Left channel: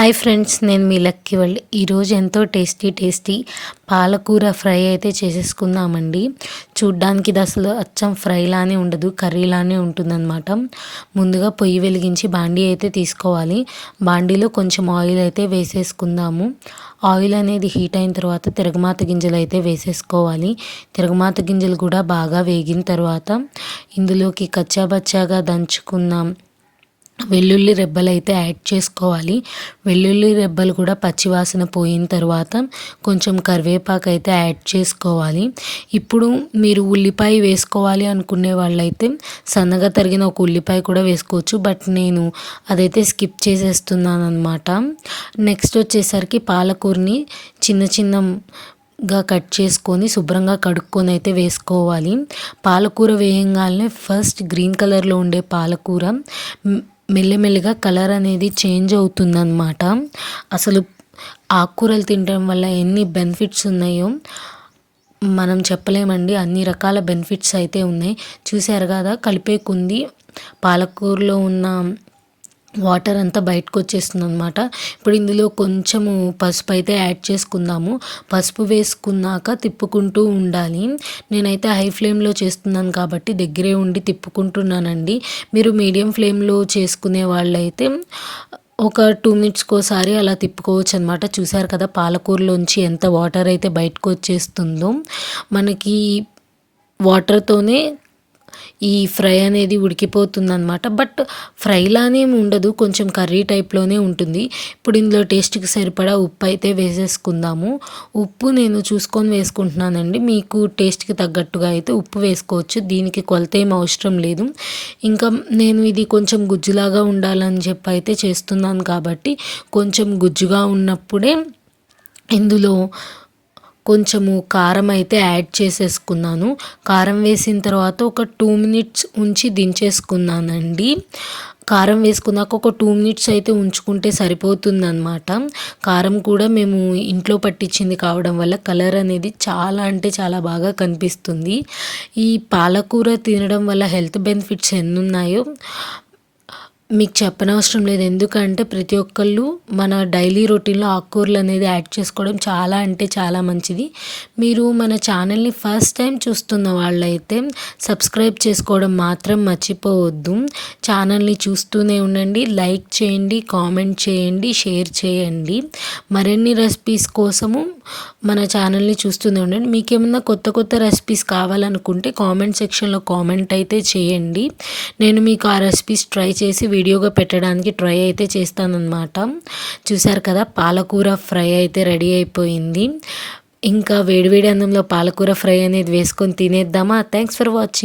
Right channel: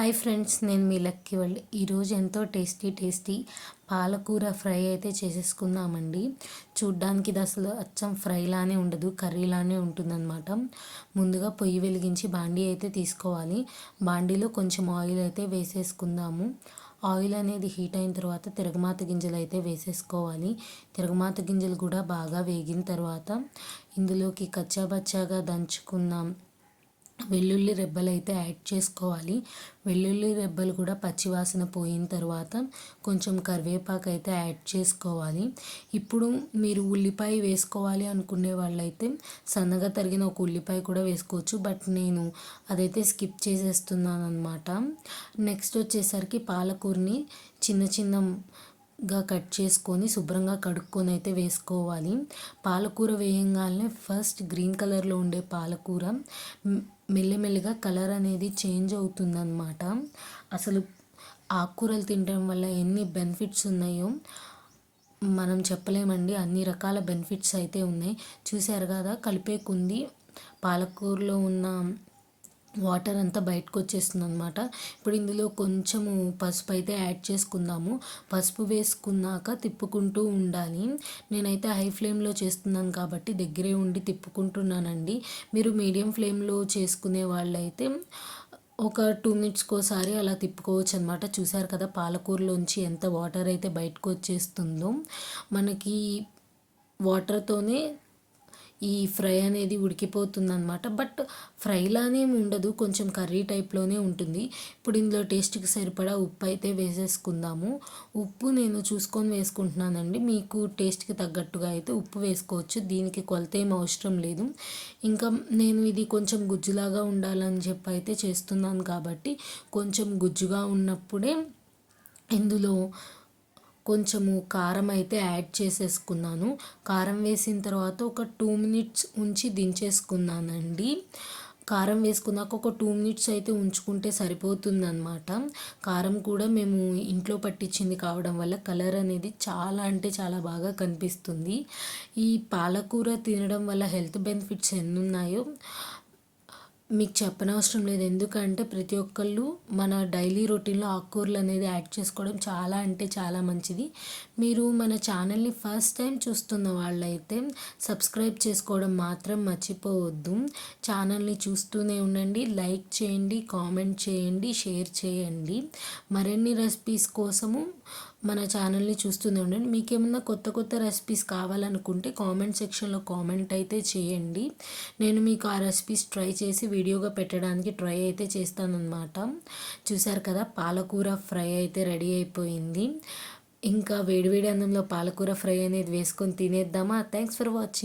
Hi friends, నేను మీ lucky world. ఈరోజు ఎంతో టేస్టీ పాలకూర ఫ్రై అయితే చేసేసుకుందామండి. చూడ్డానికి ఇది అసలు అచ్చం ఫ్రైలానే ఉండదు, కర్రీలానే ఉంటుందన్నమాట. ముందుగా పొయ్యి వెలిగించి బాండీ అయితే తీసుకోవాలి. బాండీలో కొంచెం ఆయిల్ అయితే వేసేసుకుందాము. ఆయిల్ అనేది హీట్ అయిన తర్వాత తిరగమాత గింజలు అయితే వేసేసుకోవాలి. తిరగమాత గింజలు కూడా బాగా వేగిన తర్వాత ఇందులోకి కచ్చాబచ్చాగా దంచుకున్నాం వెల్లుల్లి రెబ్బలు అయితే యాడ్ చేసుకోవాలి. వెల్లుల్లి రెబ్బలు కూడా పచ్చివాసన పోయిన తర్వాత కొంచెం కరివేపాకు అయితే యాడ్ చేసుకోవాలి. ఇప్పుడు మీరు ఉల్లిపాయ వేసుకోవాలి అనుకునే వాళ్ళైతే సన్నగా తరిగిన ఒక ఉల్లిపాయ కూడా వేసుకోవచ్చు. బట్ నేను అదైతే స్కిప్ చేసేస్తున్నాను అనమాట. నెక్స్ట్ వచ్చేసరికి పాలకూరని చిన్నగా కట్ చేసుకొని శుభ్రంగా కడుక్కొని అయితే వేసుకోవాలి. పాలకూర వేయంగానే ఫస్ట్ గ్రీన్ కలర్లో ఉండే పాలకూర మెల్లమెల్లగా కలర్ అనేది చేంజ్ అవుతుందన్నమాట. అసలు ఆకుకూరలు తినడం వల్ల ఎన్ని బెనిఫిట్స్ ఉన్నాయో మనం చెప్పలేమండి. అన్ని రకాల బెనిఫిట్స్ అయితే ఉన్నాయి. చూశారు కదా, కలిపేకుంది పాలకూరలో ఉన్న వాటర్ అంతా బయటకు వచ్చేస్తుంది అనమాట. ఇప్పుడు ఇందులో కొంచెము పసుపు అయితే యాడ్ చేసుకుందాము. పసుపు వేసుకున్నాక తిప్పుకుంటూ ఉండాలి. నేనైతే హై ఫ్లేమ్లో చేస్తున్నాను కాబట్టి దగ్గరే ఉండి తిప్పుకుంటున్నానండి. మీరు మీడియం ఫ్లేమ్లో చేసుకునే వాళ్ళైతే ఒక 2 మినిట్స్కి ఒకసారి అలా తిప్పుకోవచ్చు అనమాట. చూసారు కదా, పాలకూరలోంచి ఎంత వాటర్ అయితే బయటకు వచ్చేస్తుందో. మనకి వాటర్తోనే ఈ ఫ్రై అనేది ఉడికిపోతుందన్నమాట. బట్ ఫ్రైలానే ఉండదు, కొంచెం కర్రీ టైప్లోనే ఉంటుంది. ఇప్పుడు ఇందులో టేస్ట్కి సరిపడా ఉప్పు అయితే వేసేసుకుందాము. ఉప్పు నేను చూసుకొని వేసుకుంటున్నానండి. మీకు టేస్ట్కి తగ్గట్టుగా అయితే ఉప్పు వేసుకోవచ్చు. దీనికి కొలత ఏం అవసరం లేదు. ఇంకా నేను ఇది కొంచెం గుజ్జులాగా ఉండాలని చెప్పి అయితే చేస్తున్నాను కాబట్టి కొంచెం గుజ్జుగా ఉన్నప్పుడే ఇందులో కొంచెము కారం అయితే యాడ్ చేసేసుకున్నాను. కారం వేసిన తర్వాత ఒక 2 మినిట్స్ ఉంచి దించేసుకున్నానండి. కారం వేసుకున్నాక ఒక 2 మినిట్స్ అయితే ఉంచుకుంటే సరిపోతుందన్నమాట. కారం కూడా మేము ఇంట్లో పట్టించింది కావడం వల్ల కలర్ అనేది చాలా అంటే చాలా బాగా కనిపిస్తుంది. ఈ పాలకూర తినడం వల్ల హెల్త్ బెనిఫిట్స్ ఎన్నున్నాయో మీకు చెప్పనవసరం లేదు. ఎందుకంటే ప్రతి ఒక్కళ్ళు మన డైలీ రొటీన్లో ఆకుకూరలు అనేది యాడ్ చేసుకోవడం చాలా అంటే చాలా మంచిది. మీరు మన ఛానల్ని ఫస్ట్ టైం చూస్తున్న వాళ్ళైతే సబ్స్క్రైబ్ చేసుకోవడం మాత్రం మర్చిపోవద్దు. ఛానల్ని చూస్తూనే ఉండండి, లైక్ చేయండి, కామెంట్ చేయండి, షేర్ చేయండి. మరిన్ని రెసిపీస్ కోసము మన ఛానల్ని చూస్తూనే ఉండండి. మీకు ఏమన్నా కొత్త రెసిపీస్ కావాలనుకుంటే కామెంట్ సెక్షన్లో కామెంట్ అయితే చేయండి. నేను మీకు ఆ రెసిపీస్ ట్రై చేసి వీడియోగా పెట్టడానికి ట్రై అయితే చేస్తానన్నమాట. చూసారు కదా, పాలకూర ఫ్రై అయితే రెడీ అయిపోయింది. ఇంకా వేడివేడి అన్నంలో పాలకూర ఫ్రై అనేది వేసుకొని తినేద్దామా? Thanks for watching.